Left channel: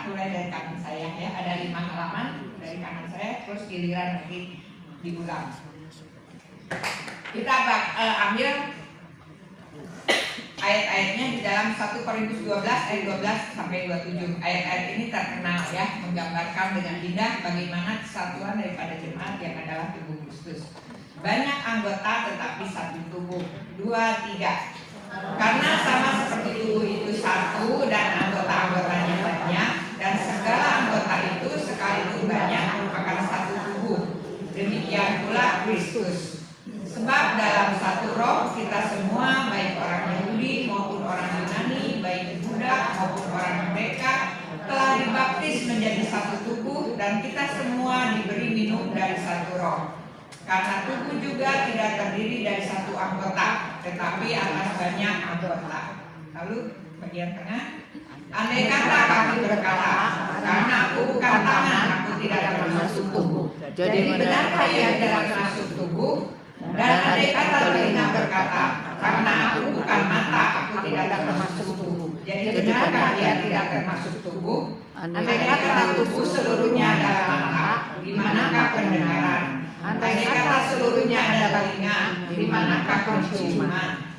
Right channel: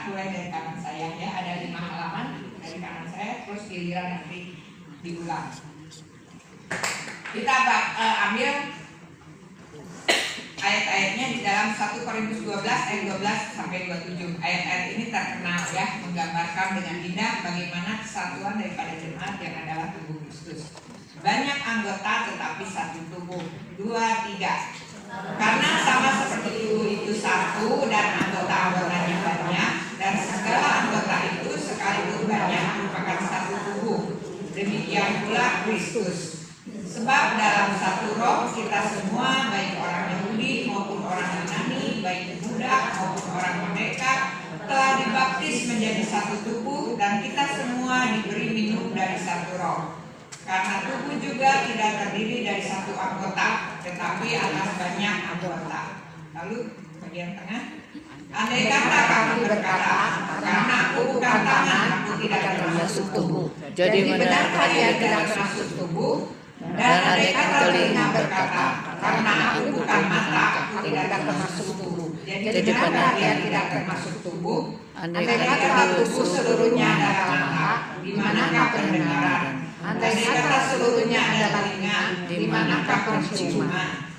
kita mulai dari kanan saya ya. Ada 5 halaman dari kanan saya, terus giliran nanti diulang. Kita ambil ayat-ayatnya di dalam 1 Korintus 12 ayat 12 sampai 27. Ayat-ayat ini terkenal ya, menggambarkan dengan indah bagaimana kesatuan daripada jemaat yang adalah tubuh Kristus. Banyak anggota tetapi satu tubuh. 2, 3. Karena sama seperti tubuh itu satu dan anggota-anggotanya banyak, dan segala anggota itu sekalipun banyak merupakan satu tubuh. Demikian pula Kristus. Sebab dalam satu roh kita semua, baik orang Yahudi maupun orang Yunani, baik budak maupun orang merdeka, telah dibaptis menjadi satu tubuh, dan kita semua diberi minum dari satu roh. Karena tubuh juga tidak terdiri dari satu anggota, tetapi atas banyak anggota. Lalu bagian tengah, andai kata kami berkata, karena aku bukan tangan, aku tidak termasuk tubuh. Jadi benar kalian tidak termasuk tubuh. Dan andai kata telinga berkata, karena aku bukan mata, aku tidak termasuk tubuh. Jadi benar kalian tidak termasuk tubuh. Andai kata tubuh seluruhnya adalah mata, di manakah pendengaran? Andai kata seluruhnya adalah telinga, di manakah penciuman?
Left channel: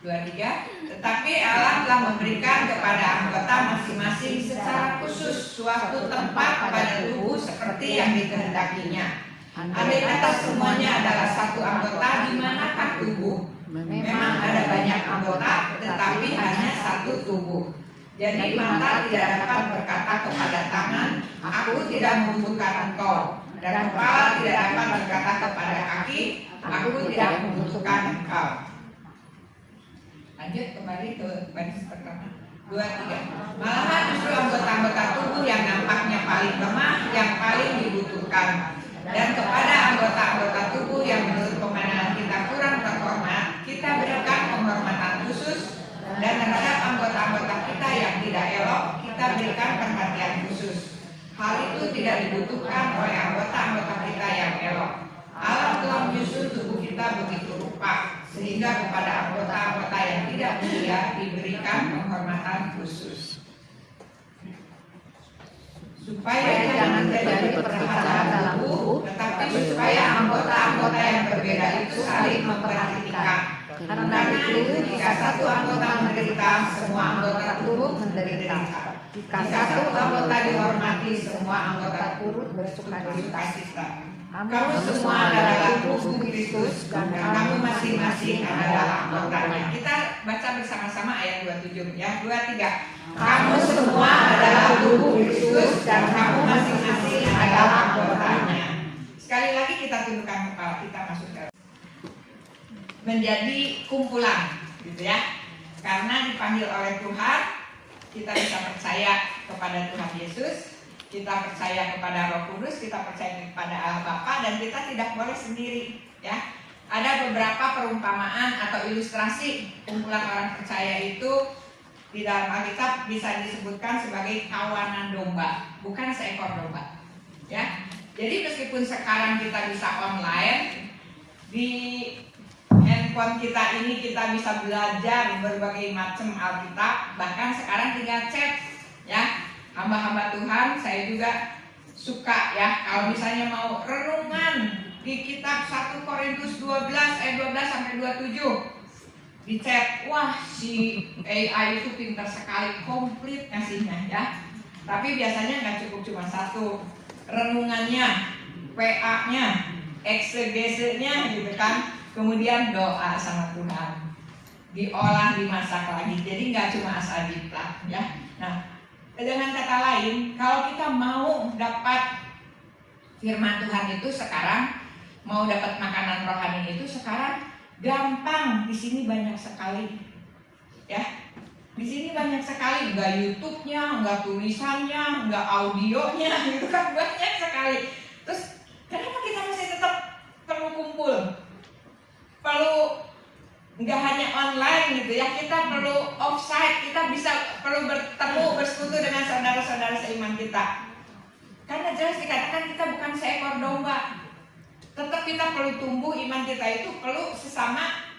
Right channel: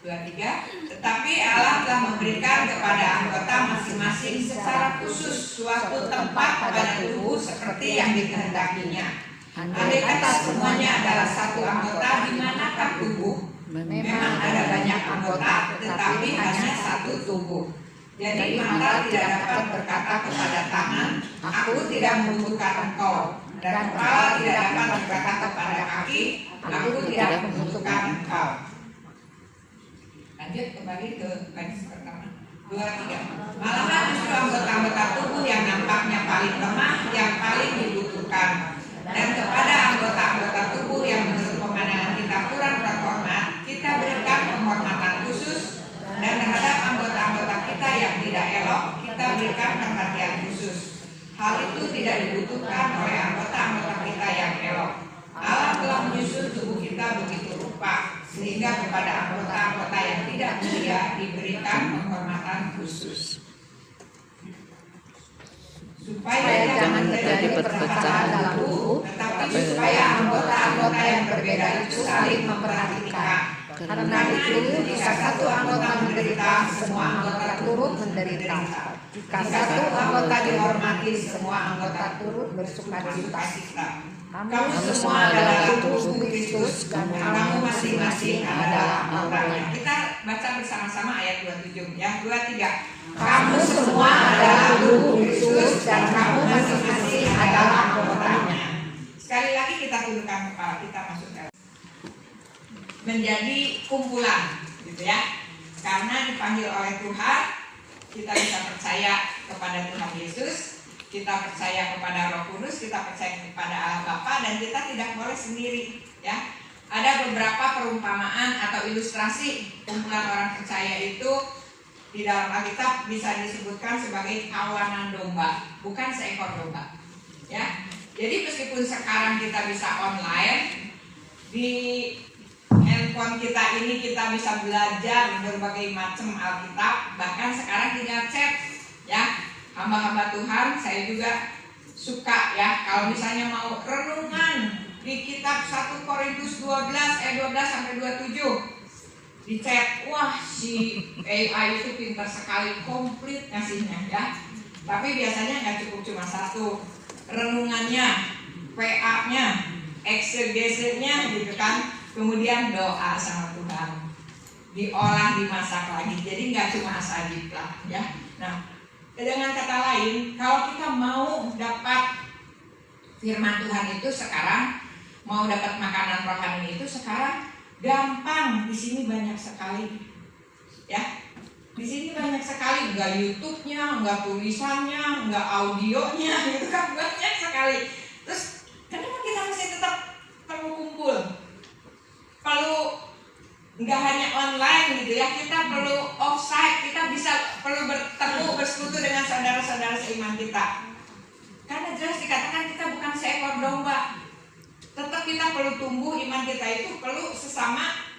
2, 3. Tetapi Allah telah memberikan kepada anggota masing-masing secara khusus suatu tempat pada tubuh seperti yang dikehendakinya. Andai kata semuanya adalah satu anggota, di manakah tubuh? Memang ada banyak anggota, tetapi hanya satu tubuh. Jadi mata tidak dapat berkata kepada tangan, aku tidak membutuhkan engkau. Dan kepala tidak dapat berkata kepada kaki, aku tidak membutuhkan engkau. Lanjut kembali ke baris pertama. 2, 3. Malahan justru anggota-anggota tubuh yang nampaknya paling lemah yang paling dibutuhkan. Dan kepada anggota-anggota tubuh yang menurut pemandangan kita kurang terhormat, kita berikan penghormatan khusus. Dan terhadap anggota-anggota kita yang tidak elok, kita berikan perhatian khusus. Hal itu tidak dibutuhkan oleh anggota-anggota kita yang elok. Allah telah menyusun tubuh kita begitu rupa, sehingga kepada anggota-anggota yang tidak mulia diberikan penghormatan khusus. Supaya jangan terjadi perpecahan dalam tubuh, tetapi supaya anggota-anggota yang berbeda itu saling memperhatikan. Karena itu, jika satu anggota menderita, semua anggota turut menderita. Jika satu anggota dihormati, semua anggota turut bersukacita. Kamu semua adalah tubuh Kristus, dan kamu masing-masing adalah anggotanya. Kita baca bersama-sama ayat 27 ya. 2, 3. Kamu semua adalah tubuh Kristus, dan kamu masing-masing adalah anggotanya. Sekali lagi kita tundukkan kepala kita, masuk dalam menjadi kumpulan, gitu ya. Karena dipanggil oleh Tuhan, kita bisa percaya kepada Tuhan Yesus, kita percaya kepada Roh Kudus, kita percaya kepada Allah Bapa, dan kita tidak boleh sendiri, ya. Ada beberapa perumpamaan atau ilustrasi kumpulan orang percaya itu di dalam Alkitab bisa disebutkan sebagai kawanan domba, bukan seekor domba, ya. Jadi meskipun sekarang kita bisa online, di handphone kita ini kita bisa belajar berbagai macam Alkitab, bahkan sekarang tinggal chat, ya. Hamba-hamba Tuhan, saya juga suka ya kalau misalnya mau renungan di kitab 1 Korintus 12 ayat 12 sampai 27 di chat, wah si AI itu pintar sekali, komplit ngasihnya ya. Tapi biasanya nggak cukup cuma satu, renungannya, PA-nya, eksegese-nya gitu kan, kemudian doa sama Tuhan, diolah, dimasak lagi. Jadi nggak cuma asal jiplak ya. Nah, dengan kata lain, kalau kita mau dapat firman Tuhan itu sekarang, mau dapat makanan rohani itu sekarang gampang. Di sini banyak sekali, ya. Di sini banyak sekali, nggak YouTube-nya, nggak tulisannya, nggak audionya, gitu kan banyak sekali. Terus kenapa kita masih tetap perlu kumpul? Nggak hanya online gitu ya, kita perlu offsite, kita perlu bertemu, bersekutu dengan saudara-saudara seiman kita. Karena jelas dikatakan kita bukan seekor domba. Tetap kita perlu tumbuh, iman kita itu perlu sesama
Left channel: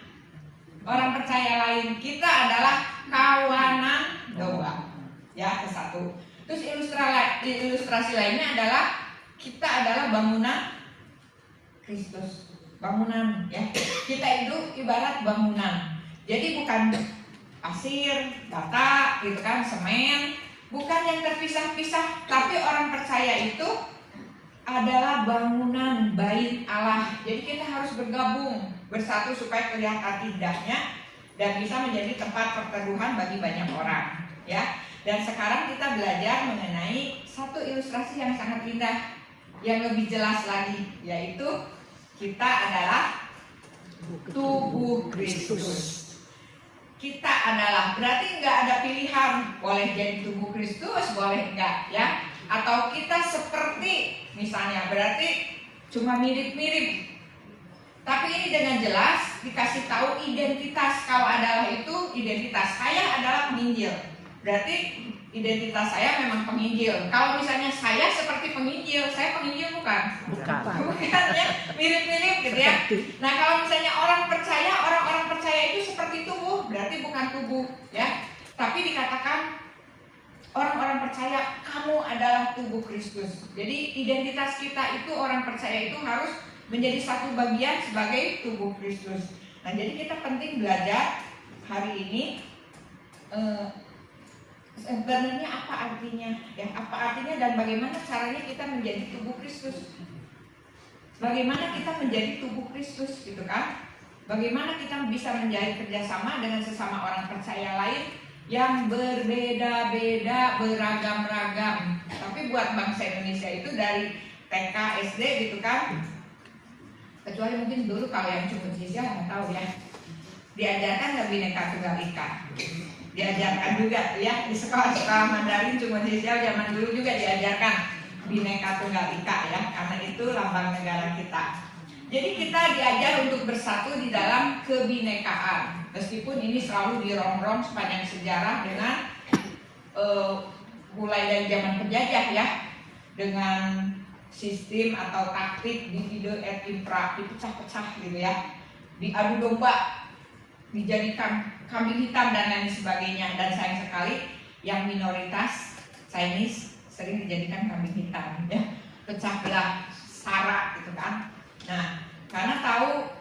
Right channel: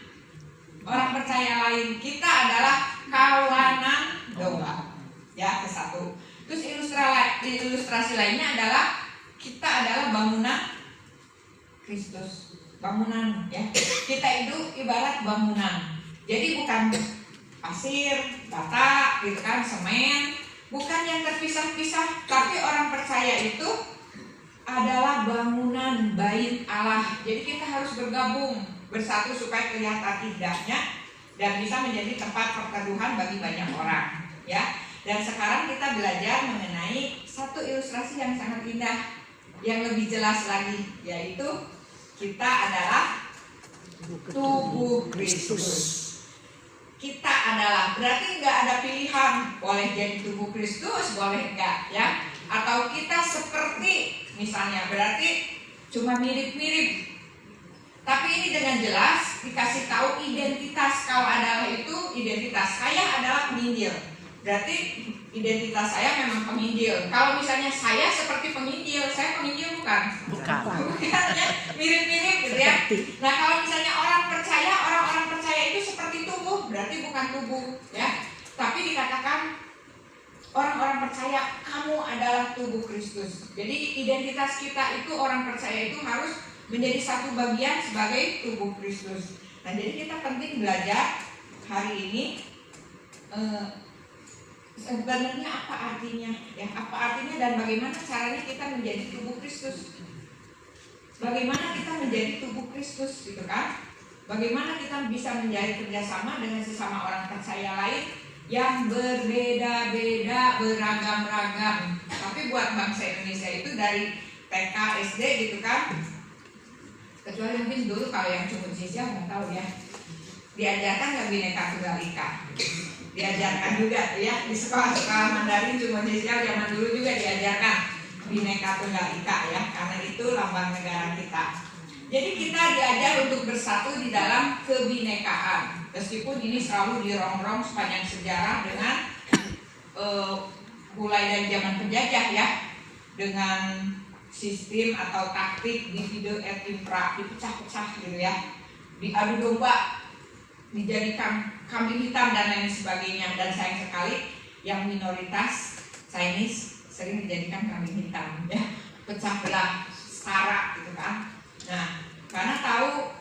orang percaya lain. Kita adalah kawanan domba. ya, kesatu. Terus ilustrasi lainnya adalah kita adalah bangunan Kristus, bangunan ya. Kita itu ibarat bangunan. Jadi bukan pasir, bata, gitu kan, semen, bukan yang terpisah-pisah, tapi orang percaya itu adalah bangunan bait Allah. Jadi kita harus bergabung, bersatu supaya kelihatan indahnya dan bisa menjadi tempat perteduhan bagi banyak orang, ya. Dan sekarang kita belajar mengenai satu ilustrasi yang sangat indah, yang lebih jelas lagi, yaitu kita adalah tubuh Kristus. Kita adalah, berarti nggak ada pilihan, boleh jadi tubuh Kristus, boleh enggak, ya. Atau kita seperti, misalnya, berarti cuma mirip-mirip. Tapi ini dengan jelas dikasih tahu identitas. Kalau adalah itu identitas saya adalah penginjil, berarti identitas saya memang penginjil. Kalau misalnya saya seperti penginjil, saya penginjil bukan? Bukan ya, mirip-mirip gitu ya. Nah kalau misalnya orang-orang percaya itu seperti tubuh, berarti bukan tubuh ya. Tapi dikatakan orang-orang percaya kamu adalah tubuh Kristus. Jadi identitas kita itu, orang percaya itu harus menjadi satu bagian sebagai tubuh Kristus. Nah jadi kita penting belajar hari ini sebenarnya apa artinya, ya, apa artinya dan bagaimana caranya kita menjadi tubuh Kristus. Bagaimana kita menjadi tubuh Kristus, gitu kan? Bagaimana kita bisa menjadi kerjasama dengan sesama orang percaya lain yang berbeda-beda, beragam-ragam. Tapi buat bangsa Indonesia itu dari TK, SD, gitu kan? Kecuali mungkin dulu kalau yang cuma sisya nggak tahu ya. Diajarkan nggak Bhinneka Tunggal Ika? Diajarkan juga ya, di sekolah-sekolah Mandarin cuma sisya zaman dulu juga diajarkan Bhinneka Tunggal Ika ya, karena itu lambang negara kita. Jadi kita diajar untuk bersatu di dalam kebinekaan. Meskipun ini selalu dirongrong sepanjang sejarah dengan mulai dari zaman penjajah ya, dengan sistem atau taktik divide et impera, dipecah-pecah gitu ya, diadu domba, dijadikan kambing hitam dan lain sebagainya. Dan sayang sekali yang minoritas Chinese sering dijadikan kambing hitam ya, pecah belah, setara gitu kan. Nah, karena tahu,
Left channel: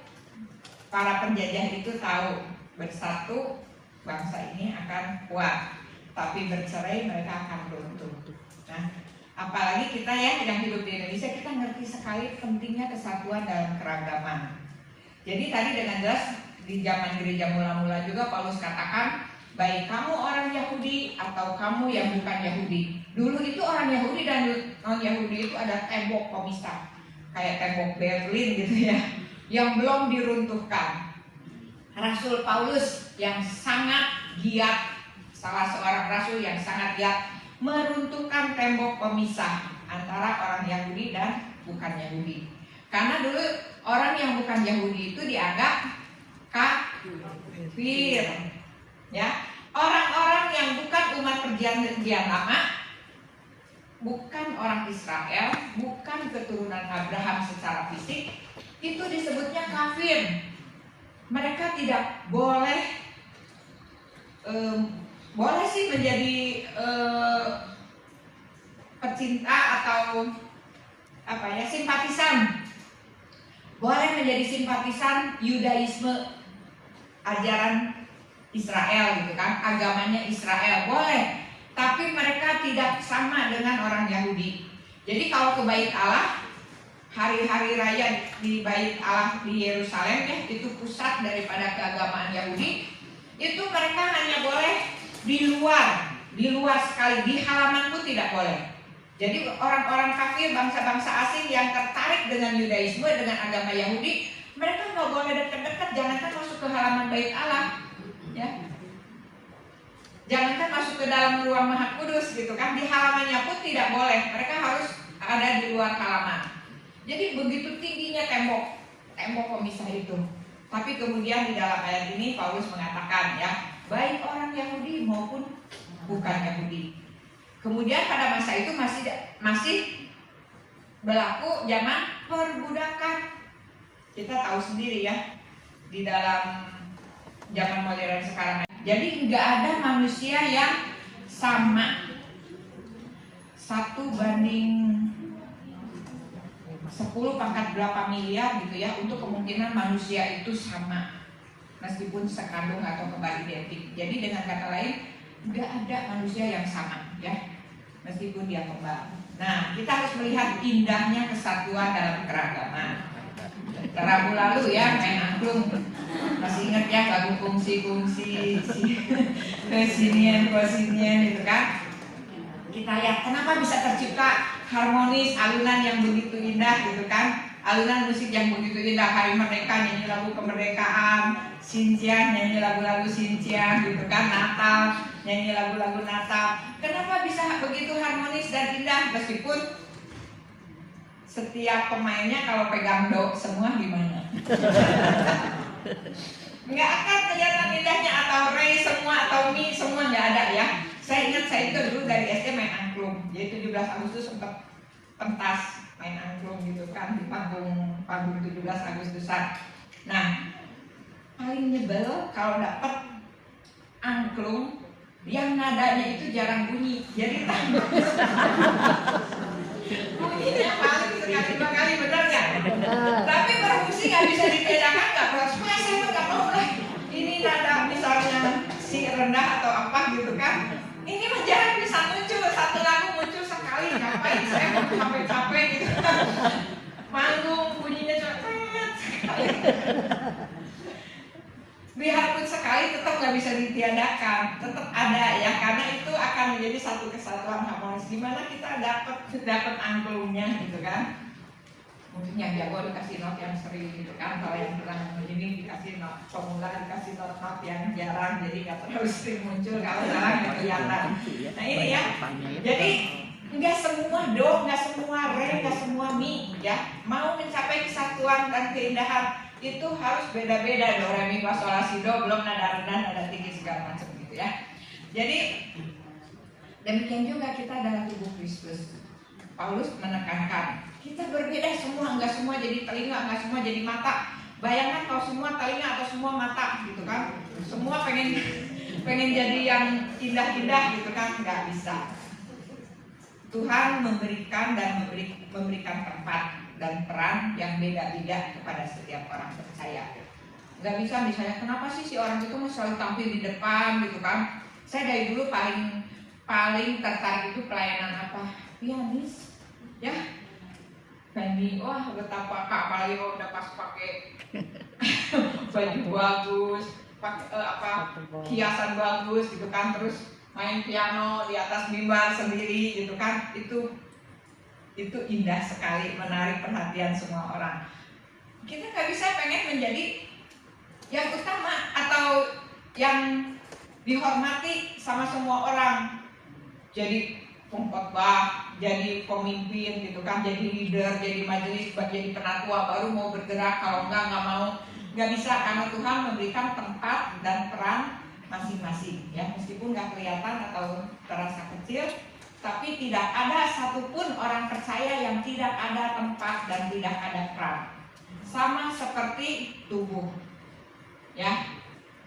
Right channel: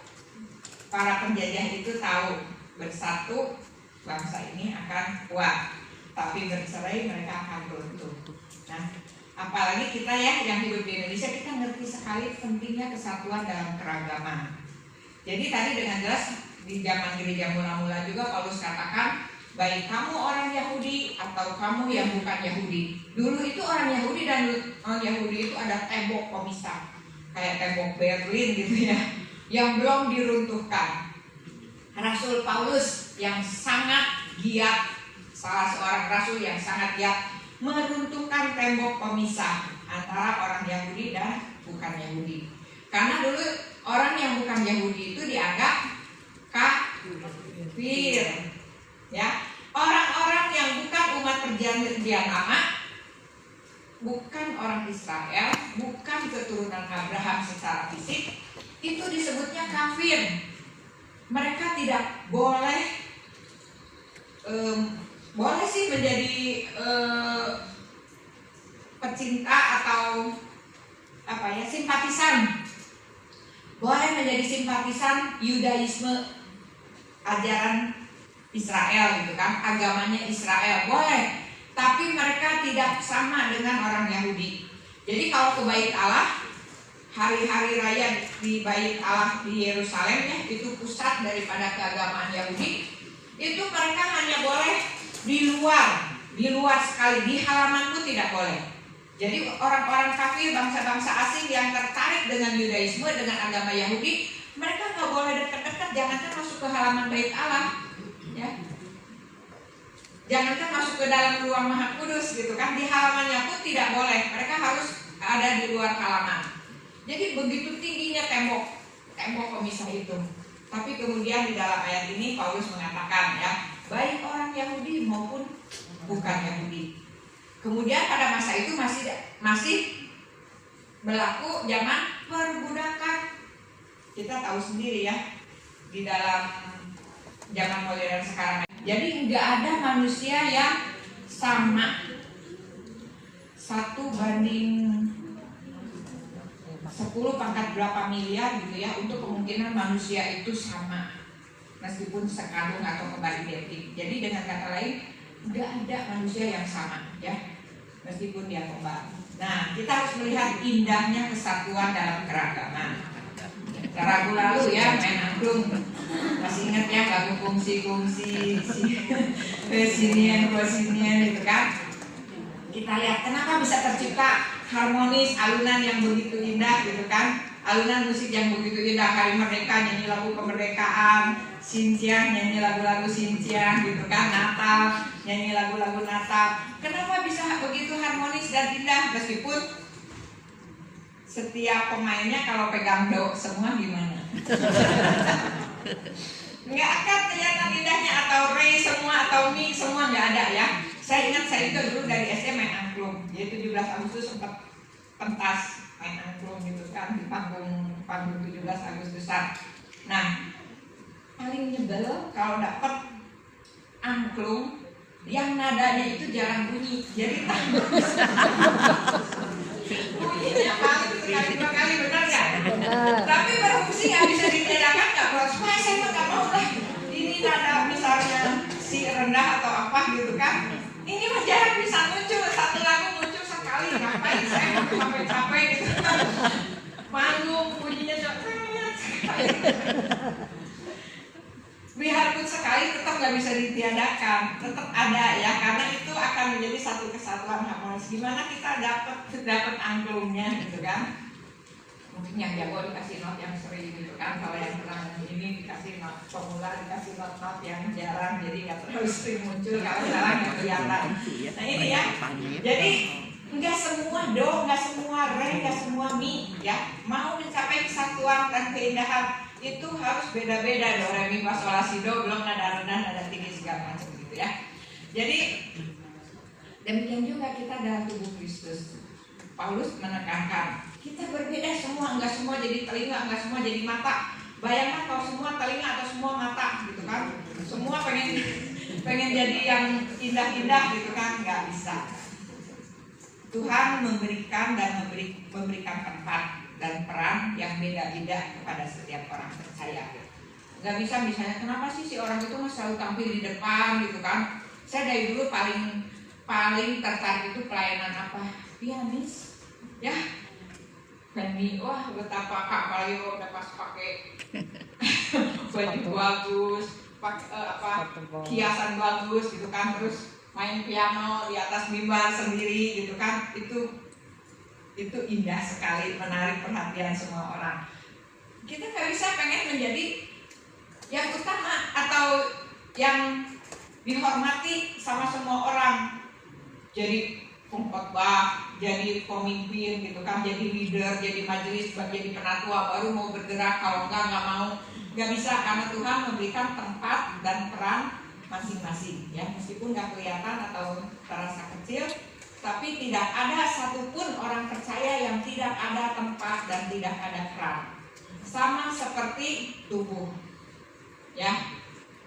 para penjajah itu tahu bersatu bangsa ini akan kuat, tapi bercerai mereka akan runtuh. Nah, apalagi kita ya yang hidup di Indonesia, kita ngerti sekali pentingnya kesatuan dalam keragaman. Jadi tadi dengan jelas di zaman gereja mula-mula juga Paulus katakan, baik kamu orang Yahudi atau kamu yang bukan Yahudi. Dulu itu orang Yahudi dan non Yahudi itu ada tembok pemisah, kayak tembok Berlin gitu ya, yang belum diruntuhkan. Rasul Paulus yang sangat giat, salah seorang rasul yang sangat giat, meruntuhkan tembok pemisah antara orang Yahudi dan bukan Yahudi. Karena dulu orang yang bukan Yahudi itu dianggap kafir, ya. Orang-orang yang bukan umat perjanjian lama, bukan orang Israel, bukan keturunan Abraham secara fisik, itu disebutnya kafir. Mereka tidak boleh, boleh sih menjadi pecinta atau apa ya, simpatisan. Boleh menjadi simpatisan Yudaisme, ajaran Israel gitu kan, agamanya Israel boleh, tapi mereka tidak sama dengan orang Yahudi. Jadi kalau ke Bait Allah, hari-hari raya di Bait Allah di Yerusalem ya, itu pusat daripada keagamaan Yahudi. Itu mereka hanya boleh di luar sekali, di halaman pun tidak boleh. Jadi orang-orang kafir, bangsa-bangsa asing yang tertarik dengan Yudaisme, dengan agama Yahudi, mereka nggak boleh dekat-dekat, jangankan masuk ke halaman Bait Allah, ya. Jangankan masuk ke dalam ruang Maha Kudus gitu kan, di halamannya pun tidak boleh. Mereka harus ada di luar halaman. Jadi begitu tingginya tembok pemisah itu. Tapi kemudian di dalam ayat ini Paulus mengatakan ya, baik orang Yahudi maupun bukan Yahudi. Kemudian pada masa itu masih berlaku zaman perbudakan. Kita tahu sendiri ya, di dalam zaman modern sekarang. Jadi nggak ada manusia yang sama 1/10 miliar gitu ya, untuk kemungkinan manusia itu sama meskipun sekandung atau kembali genetik. Jadi dengan kata lain, nggak ada manusia yang sama ya, meskipun dia kembar. Nah, kita harus melihat indahnya kesatuan dalam keragaman. Rabu lalu ya main angklung, masih ingat ya lagu kungsi sinian gitu kan. Kita lihat kenapa bisa tercipta harmonis, alunan yang begitu indah gitu kan, alunan musik yang begitu indah. Hari Merdeka nyanyi lagu kemerdekaan, Sintia nyanyi lagu-lagu Sintia gitu kan, Natal nyanyi lagu-lagu Natal. Kenapa bisa begitu harmonis dan indah meskipun setiap pemainnya kalau pegang do semua gimana? Nggak akan kelihatan indahnya, atau re semua atau mi semua nggak ada ya. Saya ingat saya itu dulu dari SD main angklung, jadi 17 Agustus sempat pentas main angklung gitu kan di panggung 17 Agustusan. Nah, paling nyebel kalau dapet angklung yang nadanya itu jarang bunyi, jadi bunyinya paling sekali 2 kali, benar nggak? Tapi berfungsi nggak bisa dibedakan nggak? Supaya saya nggak tahu lah ini nada misalnya si rendah atau apa gitu kan. Ini mah jarang bisa muncul, satu lagu muncul sekali, ngapain saya mau capek-capek gitu kan. Manggung bunyinya cepet sekali. Biarpun sekali tetap nggak bisa ditiadakan, tetap ada ya, karena itu akan menjadi satu kesatuan harmonis. Gimana kita dapat angklungnya gitu kan? Mungkin yang jago dikasih not yang sering gitu kan, kalau yang pernah ini dikasih not formula, dikasih not yang jarang, jadi nggak terlalu sering muncul, kalau jarang nggak kelihatan. Nah ini ya, jadi nggak semua do, nggak semua re, nggak semua mi ya. Mau mencapai kesatuan dan keindahan itu harus beda-beda, do, re, mi, fa, sol, la, si, do, belum nada rendah, nada tinggi segala macam gitu ya. Jadi demikian juga kita dalam tubuh Kristus. Paulus menekankan kita berbeda semua, enggak semua jadi telinga, enggak semua jadi mata. Bayangkan kalau semua telinga atau semua mata gitu kan, semua pengen jadi yang indah-indah gitu kan, nggak bisa. Tuhan memberikan dan memberikan tempat dan peran yang beda-beda kepada setiap orang percaya. Nggak bisa misalnya kenapa sih si orang itu selalu tampil di depan gitu kan. Saya dari dulu paling tertarik itu pelayanan apa? Pianis ya. Bandi, wah betapa Kak Mario udah pas pakai baju bagus, pakai hiasan bagus gitu kan, terus main piano di atas mimbar sendiri gitu kan, itu indah sekali, menarik perhatian semua orang. Kita nggak bisa pengen menjadi yang utama atau yang dihormati sama semua orang, jadi pengkhotbah, jadi pemimpin gitu kan, jadi leader, jadi majelis, jadi penatua baru mau bergerak, kalau nggak mau, nggak bisa, karena Tuhan memberikan tempat dan peran masing-masing ya, meskipun nggak kelihatan atau terasa kecil, tapi tidak ada satupun orang percaya yang tidak ada tempat dan tidak ada peran, sama seperti tubuh ya.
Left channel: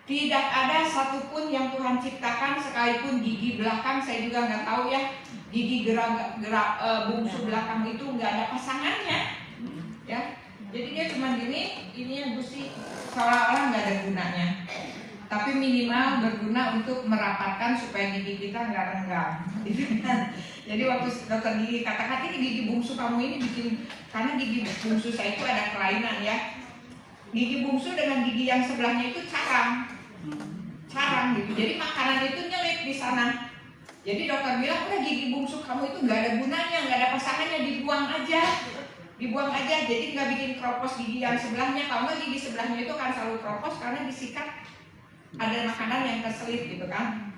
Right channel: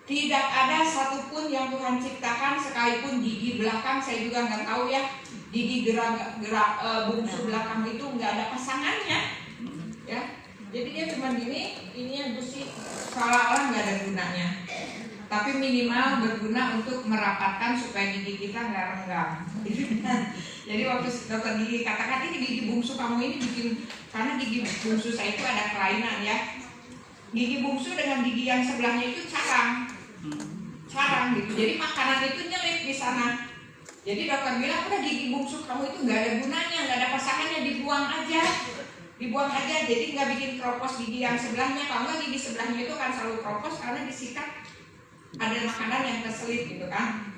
Tidak ada satupun yang Tuhan ciptakan, sekalipun gigi belakang, saya juga nggak tahu ya, gigi gerak bungsu belakang itu nggak ada pasangannya, ya. Jadi dia cuma gini, ini yang gusi seolah-olah nggak ada gunanya. Tapi minimal berguna untuk merapatkan supaya gigi kita nggak renggang. Jadi waktu dokter gigi katakan ini gigi bungsu kamu ini bikin, karena gigi bungsu saya itu ada kelainan ya. Gigi bungsu dengan gigi yang sebelahnya itu carang gitu, jadi makanan itu nyelip di sana. Jadi dokter bilang udah gigi bungsu kamu itu nggak ada gunanya, nggak ada pasangannya, dibuang aja. Jadi nggak bikin keropos gigi yang sebelahnya. Kalau nggak gigi sebelahnya itu kan selalu keropos karena disikat ada makanan yang keselip gitu kan.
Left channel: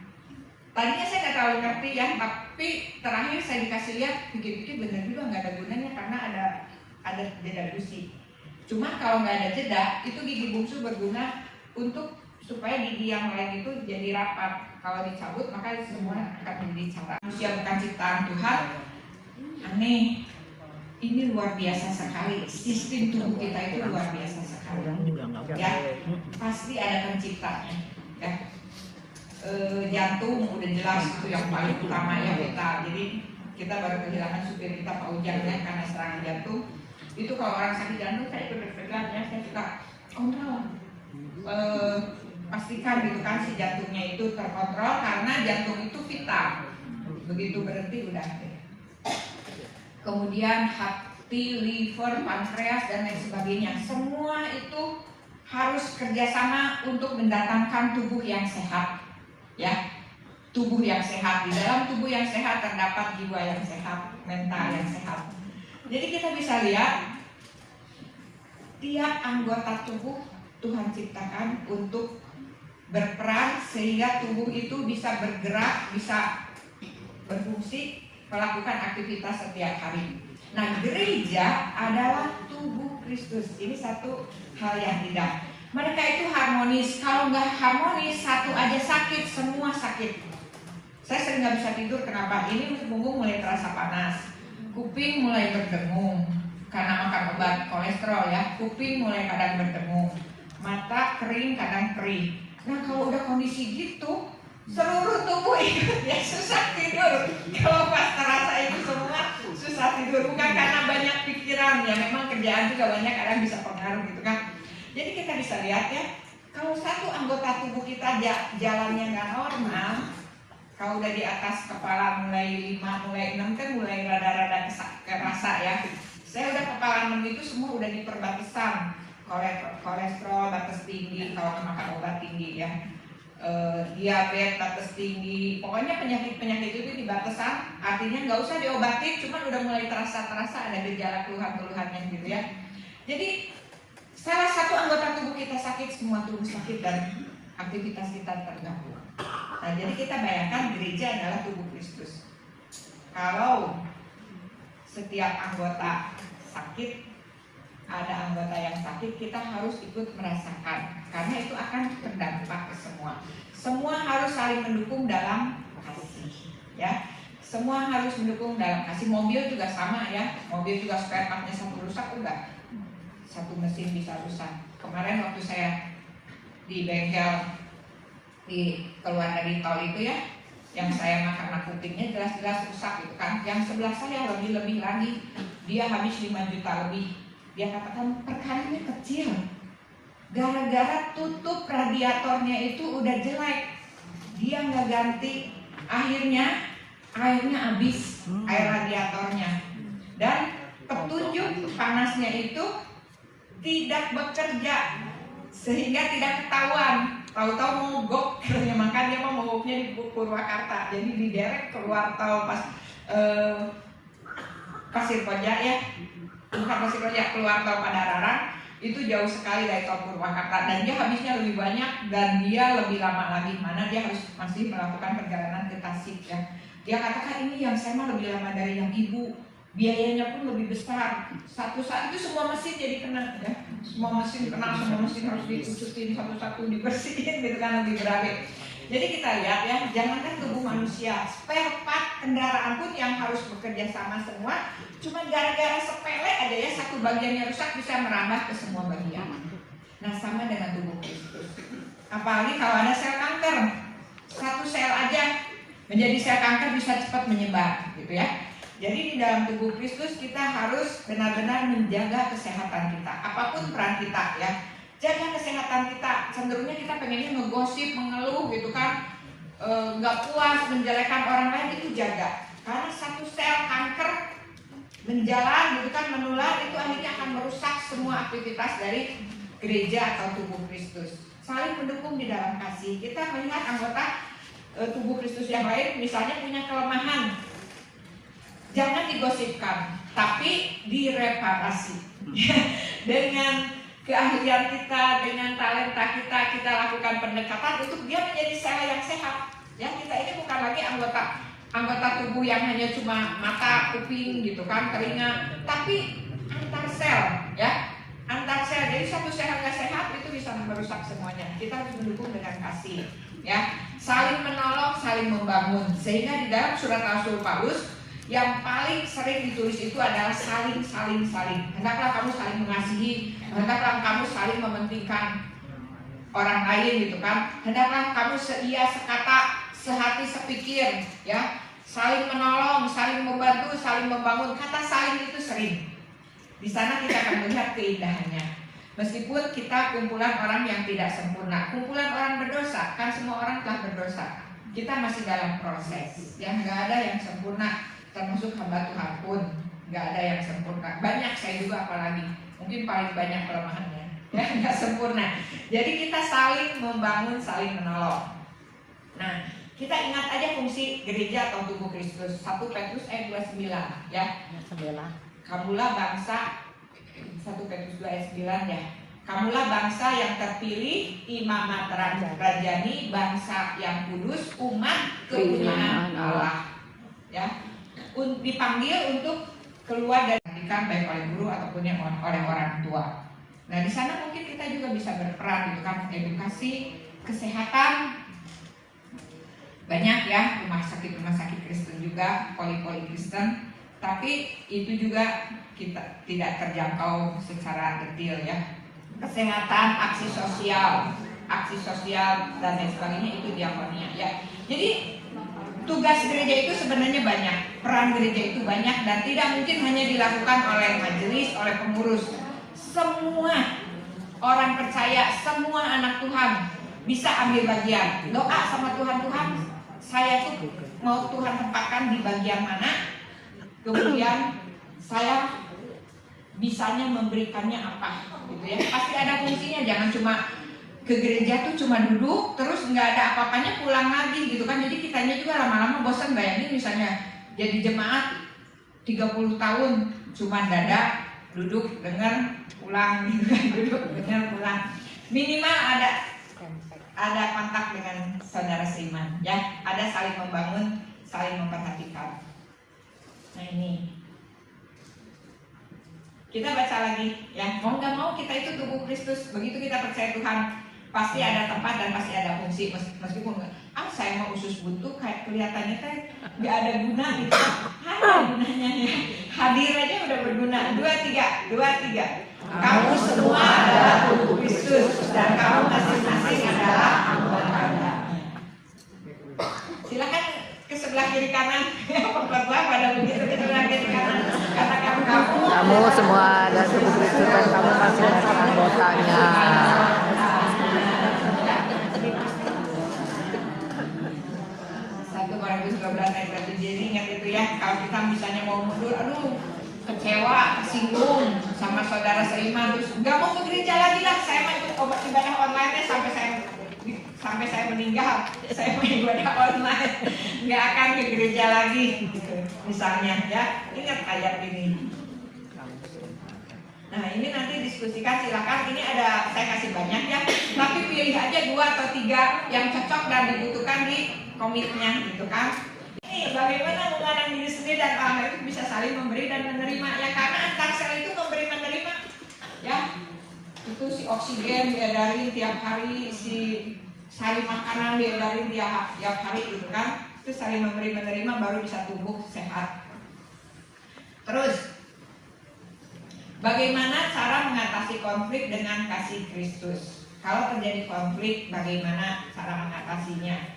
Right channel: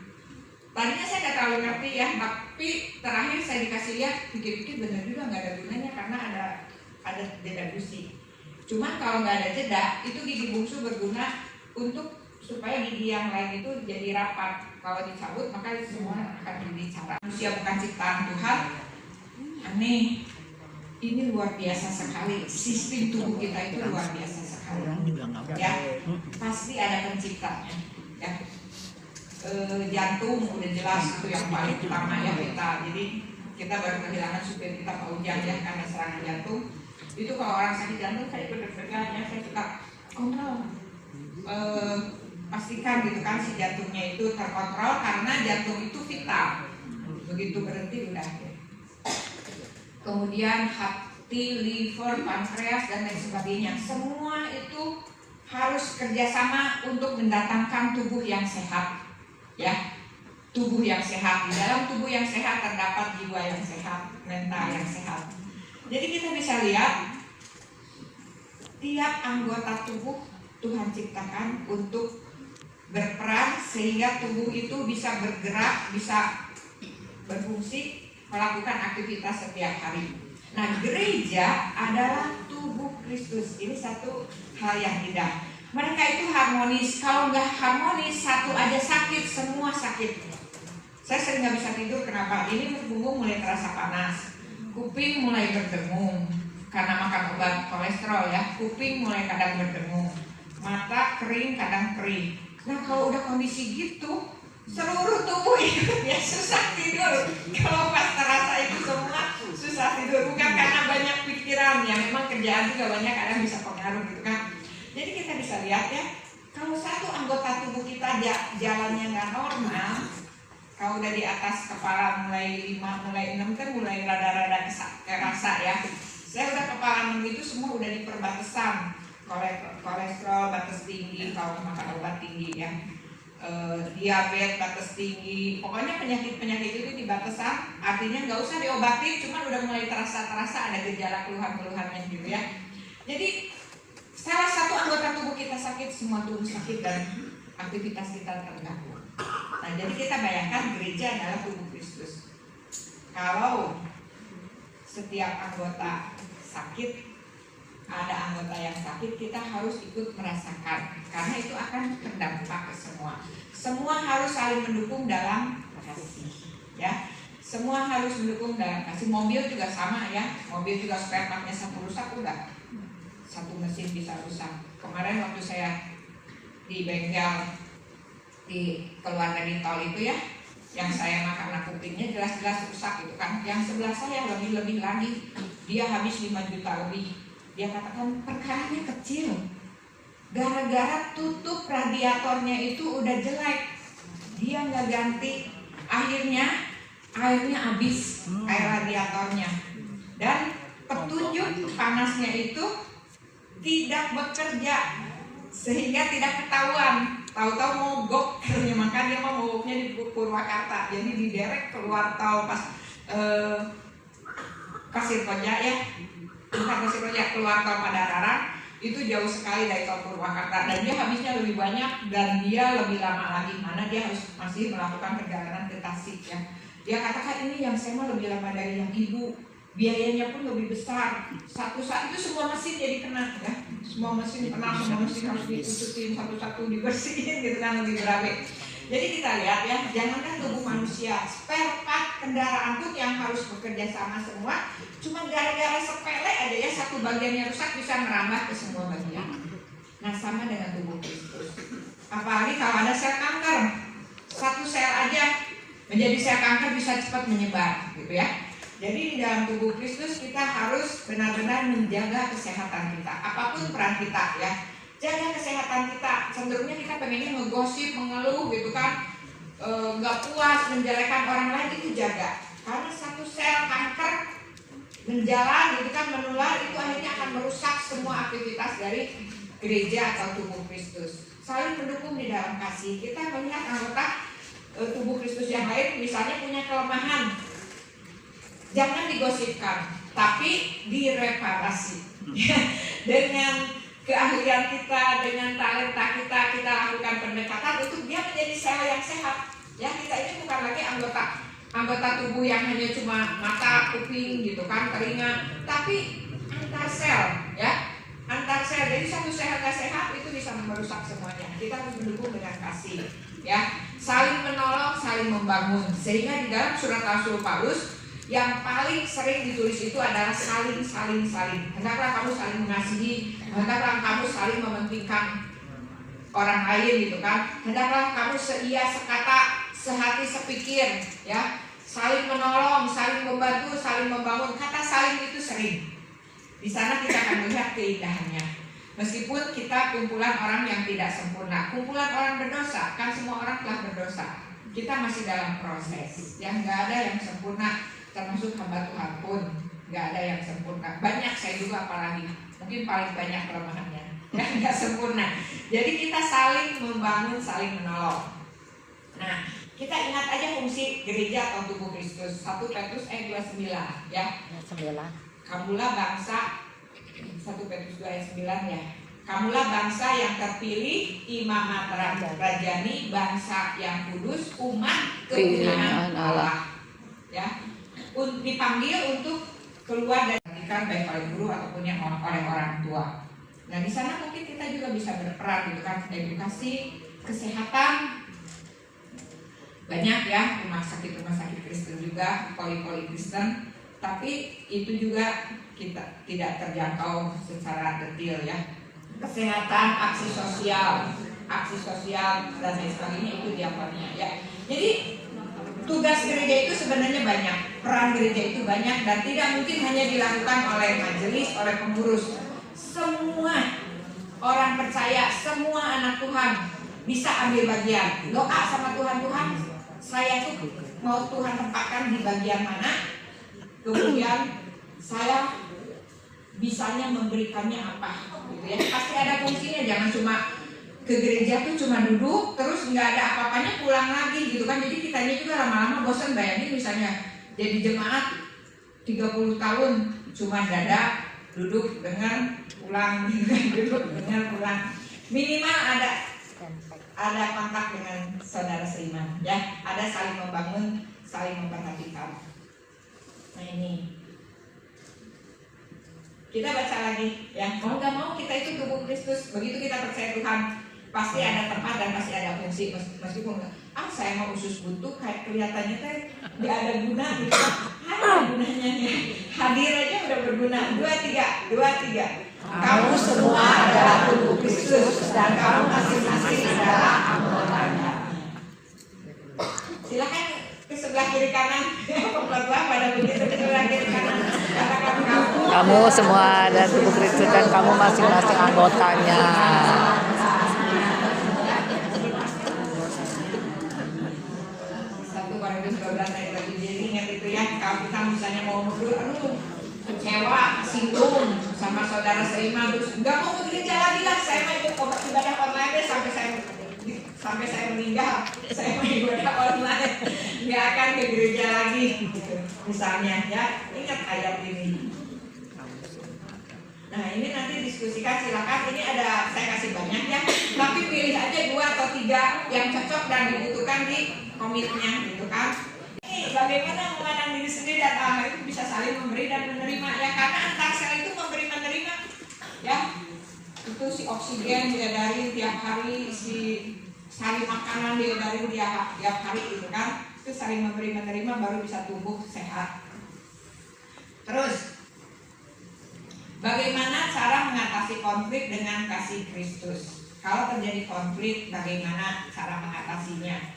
Tadinya saya nggak terlalu ngerti ya, tapi terakhir saya dikasih lihat, pikir-pikir benar juga nggak ada gunanya karena ada jeda gusi. Cuma kalau nggak ada jeda, itu gigi bungsu berguna untuk supaya gigi yang lain itu jadi rapat. Kalau dicabut maka semua akan menjadi cacat. Manusia bukan ciptaan Tuhan. Aneh. Ini luar biasa sekali. Sistem tubuh kita itu luar biasa sekali. Ya, pasti ada penciptanya. Ya. Jantung udah jelas itu yang paling utamanya kita. Jadi kita baru kehilangan supir kita Pak Ujang ya karena serangan jantung. Itu kalau orang sakit jantung saya ikut deg-degan ya, saya suka pastikan gitu kan si jantungnya itu terkontrol karena jantung itu vital. Begitu berhenti udah. Kemudian hati, liver, pankreas dan lain sebagainya, semua itu harus kerjasama untuk mendatangkan tubuh yang sehat, ya. Tubuh yang sehat, di dalam tubuh yang sehat terdapat jiwa yang sehat, mental yang sehat. Jadi kita bisa lihat tiap anggota tubuh Tuhan ciptakan untuk berperan sehingga tubuh itu bisa bergerak, bisa berfungsi, melakukan aktivitas setiap hari. Nah, gereja adalah tubuh Kristus. Ini satu hal yang indah. Mereka itu harmonis. Kalau nggak harmonis, satu aja sakit, semua sakit. Saya sering nggak bisa tidur. Kenapa? Ini punggung mulai terasa panas, kuping mulai berdengung karena makan obat kolesterol ya. Kuping mulai kadang berdengung, mata kering kadang kering. Nah, kalau udah kondisi gitu, seluruh tubuh ikut ya susah tidur. Kalau pas terasa itu semua susah tidur, bukan karena banyak pikiran ya, memang kerjaan juga banyak kadang bisa pengaruh gitu kan. Jadi kita bisa lihat ya, kalau satu anggota tubuh kita jalannya nggak normal, kalau udah di atas kepala mulai 5, mulai 6 kan mulai rada-rada kerasa ya. Saya udah kepala 6 itu semua udah di perbatasan kolesterol batas tinggi kalau makan obat tinggi ya. Diabetes batas tinggi, pokoknya penyakit-penyakit itu di batasan, artinya nggak usah diobatin, cuma udah mulai terasa ada gejala keluhan-keluhannya gitu ya. Jadi salah satu anggota tubuh kita sakit, semua tubuh sakit dan aktivitas kita terganggu. Nah, jadi kita bayangkan gereja adalah tubuh Kristus. Kalau setiap anggota sakit, ada anggota yang sakit, kita harus ikut merasakan karena itu akan berdampak ke semua. Semua harus saling mendukung dalam kasih, ya. Semua harus mendukung dalam kasih. Mobil juga sama ya. Mobil juga spare partnya satu rusak enggak, satu mesin bisa rusak. Kemarin waktu saya di bengkel di keluar dari tol itu ya, yang saya karena kupingnya jelas-jelas rusak gitu kan. Yang sebelah saya lebih lagi, dia habis 5 juta lebih. Dia katakan perkaranya kecil, gara-gara tutup radiatornya itu udah jelek, dia nggak ganti, akhirnya airnya habis, air radiatornya, dan petunjuk panasnya itu tidak bekerja sehingga tidak ketahuan. Tahu-tahu mogok, ya maka dia mau mogoknya di Purwakarta, jadi diderek keluar tol pas Pasir Koja ya. Bukan Pasir Koja, keluar tol Padalarang itu jauh sekali dari tol Purwakarta dan dia habisnya lebih banyak dan dia lebih lama lagi, mana dia harus masih melakukan perjalanan ke Tasik ya. Dia katakan ini yang saya mau lebih lama dari yang ibu, biayanya pun lebih besar. Satu saat itu semua mesin jadi kena ya, semua mesin kena, semua mesin harus ditutupin satu-satu, dibersihin gitu kan, lebih berabe. Jadi kita lihat ya, jangankan tubuh manusia, spare part kendaraan pun yang harus bekerja sama semua. Cuma gara-gara sepele aja ya, satu bagiannya rusak bisa merambah ke semua bagian. Nah, sama dengan tubuh Kristus. Apalagi kalau ada sel kanker, satu sel aja menjadi sel kanker bisa cepat menyebar, gitu ya. Jadi di dalam tubuh Kristus kita harus benar-benar menjaga kesehatan kita, apapun peran kita ya. Jaga kesehatan kita, cenderungnya kita pengennya ngegosip, mengeluh gitu kan, nggak puas, menjelekan orang lain, itu jaga. Karena satu sel kanker menjalan gitu kan, menular, itu akhirnya akan merusak semua aktivitas dari gereja atau tubuh Kristus. Saling mendukung di dalam kasih. Kita melihat anggota tubuh Kristus yang lain misalnya punya kelemahan, jangan digosipkan, tapi direparasi. Dengan keahlian kita, dengan talenta kita lakukan pendekatan untuk dia menjadi sel yang sehat. Ya, kita ini bukan lagi anggota tubuh yang hanya cuma mata, kuping gitu kan, telinga, tapi antar sel, ya, antar sel. Jadi satu sel nggak sehat itu bisa merusak semuanya. Kita harus mendukung dengan kasih, ya, saling menolong, saling membangun. Sehingga di dalam surat Rasul Paulus yang paling sering ditulis itu adalah saling. Hendaklah kamu saling mengasihi, hendaklah kamu saling mementingkan orang lain gitu kan. Hendaklah kamu seia, sekata, sehati, sepikir ya. Saling menolong, saling membantu. saling membangun. Kata saling itu sering. Di sana kita akan melihat keindahannya. Meskipun kita kumpulan orang yang tidak sempurna, kumpulan orang berdosa, kan semua orang telah berdosa. Kita masih dalam proses. Yang nggak ada yang sempurna, termasuk hamba Tuhan pun nggak ada yang sempurna. Banyak, saya juga apalagi, mungkin paling banyak kelemahannya. Ya, nggak sempurna. Jadi kita saling membangun, saling menolong. Nah, kita ingat aja fungsi gereja atau tubuh Kristus. 1 Petrus ayat 29 ya. 9. Kamulah bangsa, 1 Petrus 2 ayat 9 ya. Kamulah bangsa yang terpilih, imamat rajani, bangsa yang kudus, umat kepunyaan Allah. Ya. Dipanggil untuk keluar dari pendidikan baik oleh guru ataupun yang oleh orang tua. Nah, di sana mungkin kita juga bisa berperan gitu kan, edukasi, kesehatan. Banyak ya rumah sakit Kristen juga, poli-poli Kristen. Tapi itu juga kita tidak terjangkau secara detail ya. Kesehatan, aksi sosial dan lain sebagainya itu diakonnya ya. Jadi tugas gereja itu sebenarnya banyak, peran gereja itu banyak dan tidak mungkin hanya dilakukan oleh majelis, oleh pengurus. Semua orang percaya, semua anak Tuhan bisa ambil bagian. Doa sama Tuhan, saya tuh mau Tuhan tempatkan di bagian mana, kemudian saya bisanya memberikannya apa gitu ya. Pasti ada fungsinya, jangan cuma ke gereja tuh cuma duduk terus nggak ada apa-apanya pulang lagi gitu kan. Jadi kitanya juga lama-lama bosan. Bayangin misalnya jadi jemaat 30 tahun cuma dada, duduk, dengar, pulang gitu kan. Duduk, dengar, pulang. Minimal ada kontak dengan saudara seiman ya, ada saling membangun, saling memperhatikan. Nah ini kita baca lagi ya, mau nggak mau kita itu tubuh Kristus. Begitu kita percaya Tuhan, pasti ada tempat dan pasti ada fungsi. Meskipun saya mau usus buntu kayak kelihatannya teh nggak ada guna gitu, ada gunanya ya. Hadir aja udah berguna. 2, 3. Kamu semua adalah tubuh Kristus dan kamu masing-masing adalah anggotanya. Silakan ke sebelah kiri kanan. Pada begitu ke sebelah kiri kanan. Katakan kamu semua adalah tubuh Kristus dan kamu masing-masing anggotanya. 1 Korintus 12 ayat 1. Jadi ingat itu ya, kalau kita misalnya mau mundur, kecewa, singgung sama saudara seiman, terus nggak mau ke gereja lagi lah, saya mau ikut ibadah online deh sampai saya meninggal, saya mau ibadah online, nggak akan ke gereja lagi, misalnya ya. Ingat ayat ini. Nah ini nanti diskusikan, silakan. Ini ada, saya kasih banyak ya, tapi pilih aja 2 atau 3 yang cocok dan dibutuhkan di komitnya gitu kan. Ini bagaimana memandang diri sendiri dan Allah itu bisa saling memberi dan menerima ya, karena antar sel itu memberi menerima ya. Itu si oksigen diedarin tiap hari, si sari makanan diedarin tiap hari gitu kan. Itu saling memberi menerima baru bisa tumbuh sehat. Terus bagaimana cara mengatasi konflik dengan kasih Kristus? Kalau terjadi konflik, bagaimana cara mengatasinya?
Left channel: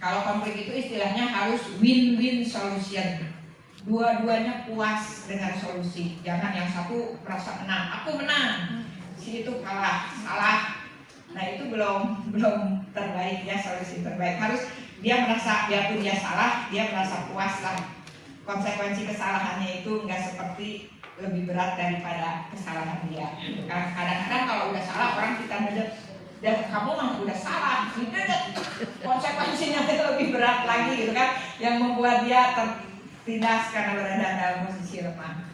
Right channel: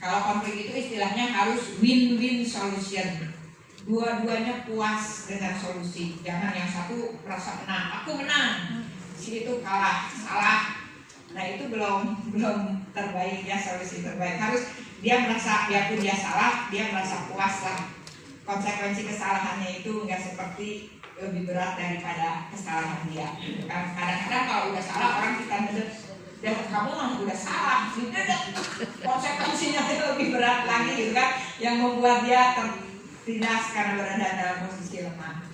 Kalau konflik itu istilahnya harus win-win solution. Dua-duanya puas dengan solusi. Jangan yang satu merasa menang, aku menang, si itu kalah, salah. Nah itu belum terbaik ya, solusi terbaik. Harus dia merasa, biarpun dia salah, dia merasa puas lah. Konsekuensi kesalahannya itu nggak seperti lebih berat daripada kesalahan dia. Kadang-kadang kalau udah salah orang kita ngedek, dan kamu mah udah salah, ngedek, konsekuensinya lebih berat lagi gitu kan, yang membuat dia tertindas karena berada dalam posisi lemah.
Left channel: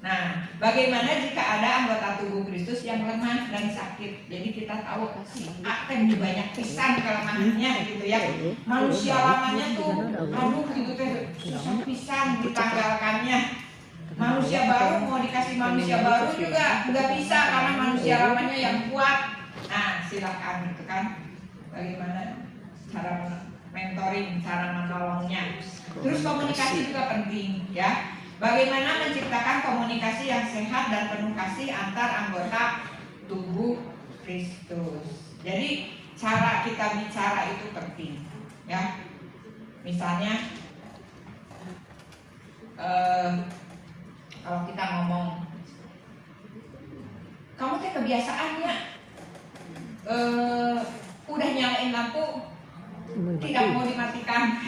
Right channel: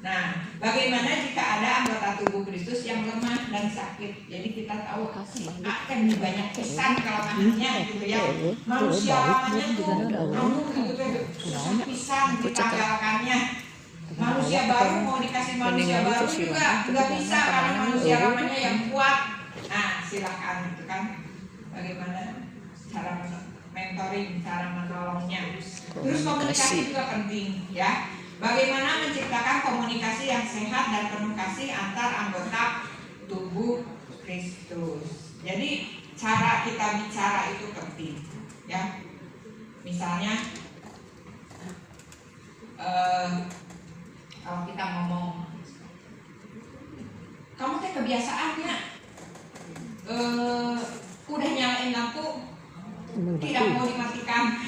Nah, bagaimana jika ada anggota tubuh Kristus yang lemah dan sakit? Jadi kita tahu akan banyak pisan kelemahannya gitu ya. Manusia lamanya tuh, gitu susah pisan ditanggalkannya. Manusia baru mau dikasih manusia baru juga nggak bisa karena manusia lamanya yang kuat. Nah, silakan gitu kan. Bagaimana cara mentoring, cara menolongnya. Terus komunikasi juga penting ya. Bagaimana menciptakan komunikasi yang sehat dan penuh kasih antar anggota tubuh Kristus. Jadi cara kita bicara itu penting ya. Misalnya kalau kita ngomong, kamu teh kebiasaannya udah nyalain lampu tidak mau dimatikan.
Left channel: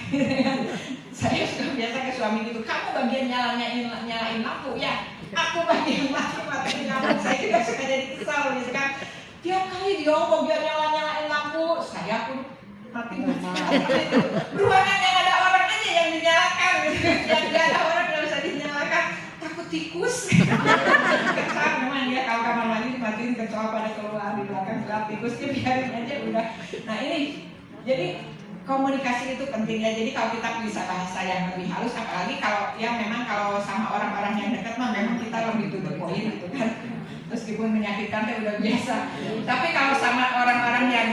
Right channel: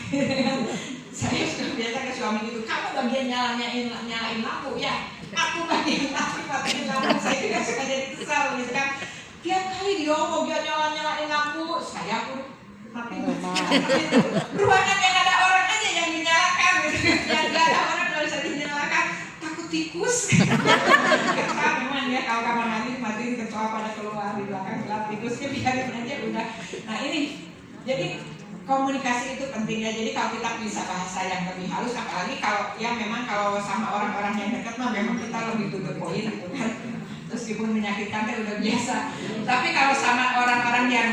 Saya sudah biasa ke suami gitu, kamu bagian nyalain lampu ya, aku bagian matiin lampu. Saya juga suka jadi kesal gitu kan. Tiap kali dia mau biar nyalain lampu, saya pun matiin. Ruangan yang ada orang aja yang dinyalakan gitu. Yang gak ada orang nggak bisa dinyalakan, takut tikus. Kesal memang ya, kalau kamar mandi matiin kecoa pada keluar di belakang, tikusnya biarin aja udah. Nah ini jadi komunikasi itu penting ya. Jadi kalau kita bisa bahasa yang lebih halus, apalagi kalau ya memang kalau sama orang-orang yang dekat mah memang kita lebih to the point gitu kan. Meskipun menyakitkan itu udah biasa. Tapi kalau sama orang-orang yang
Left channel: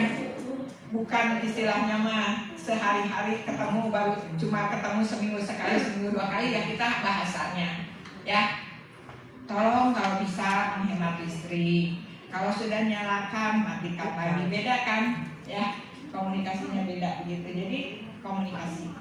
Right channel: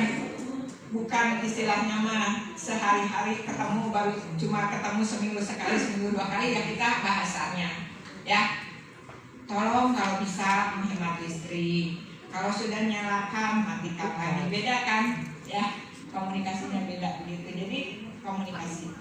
bukan istilahnya mah sehari-hari ketemu, baru cuma ketemu seminggu sekali, seminggu 2 kali, ya kita bahasanya ya. Tolong kalau bisa menghemat listrik. Kalau sudah nyalakan matikan lagi, beda kan ya. Komunikasinya beda begitu, jadi komunikasi.